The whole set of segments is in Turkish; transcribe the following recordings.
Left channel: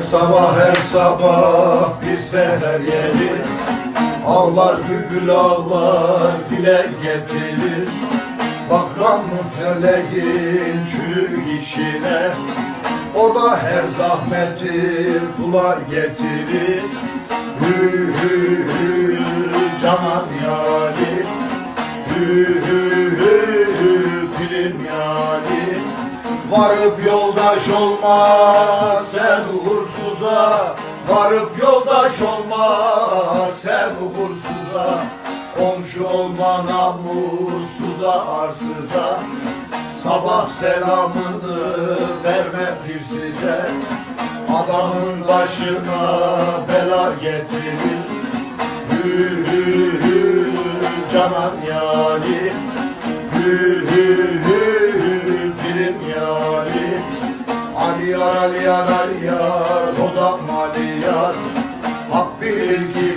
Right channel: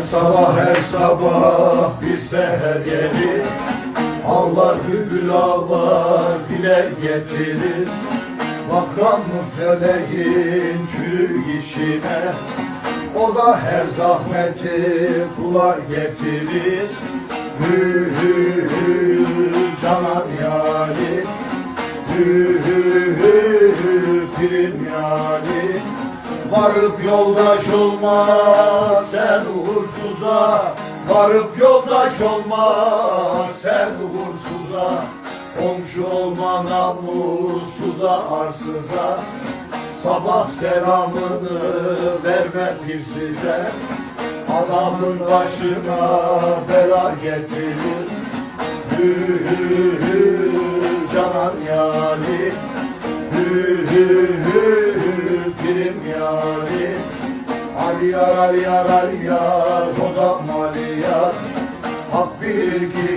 sabah her sabah bir seher gelir. Ağlar bülbül ağlar dile getirir. Bakan mı feleğin çürük işine. O da her zahmeti kula getirir. Hü hü hü canan yari Hü hü hü hü pirim yani Varıp yoldaş olma sen uğursuza. Varıp yoldaş olma sen uğursuza. Komşu olma namussuza arsıza. Sabah selamını verme pirsize. Adamın başına bela getirir Hü hü hü canan yani pirim yani Ali yar Ali yar Ali yar o da mali yar. Hak bilir ki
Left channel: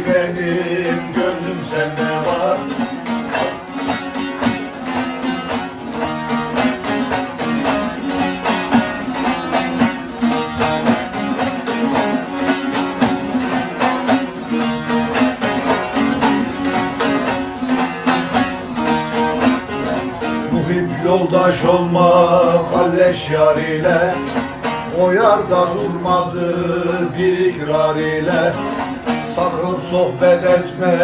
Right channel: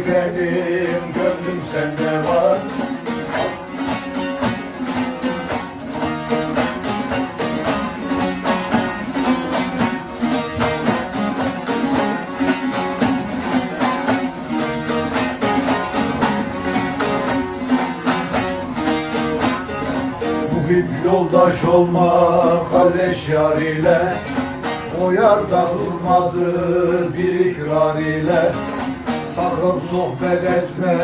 Muhip yoldaş olma kalleş yar ile. O yarda durmadı bir ikrar ile. Sakın sohbet etme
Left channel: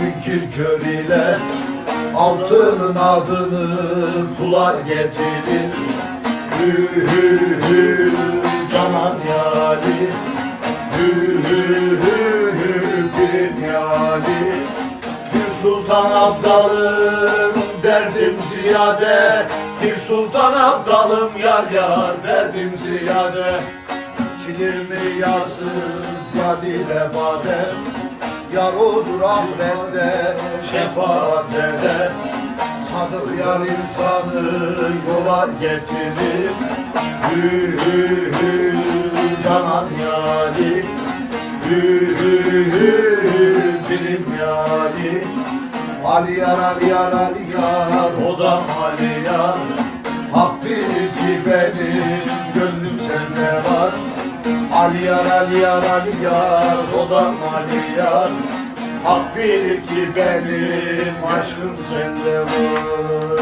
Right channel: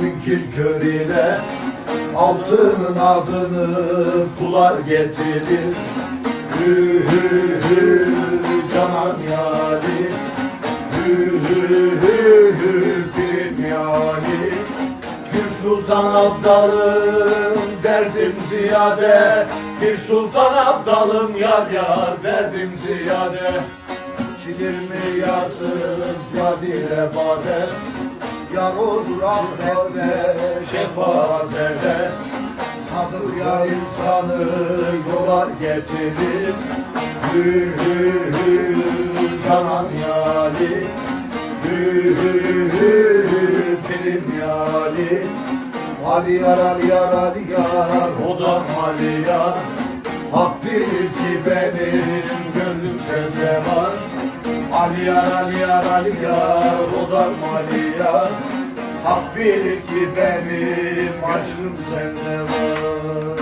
münkir kör ile. Altının adını kula getirir. Hü hü hü canan yari Hü hü hü hü pirim yari bir sultan abdalım derdim ziyade Bir sultan abdalım yar yar. Derdim ziyade İçilir mi yarsız ya dile bade Yar olur ahirette şefaat eder Sadık yar insanı yola getirir Hü hü hü canan yari Hü hü hü pirim yari Ali yar Ali yar o da Ali yar Hak bilir ki benim gönlüm sende var. Ali yar Ali yar o da Ali yar Hak bilir ki benim aşkım sende var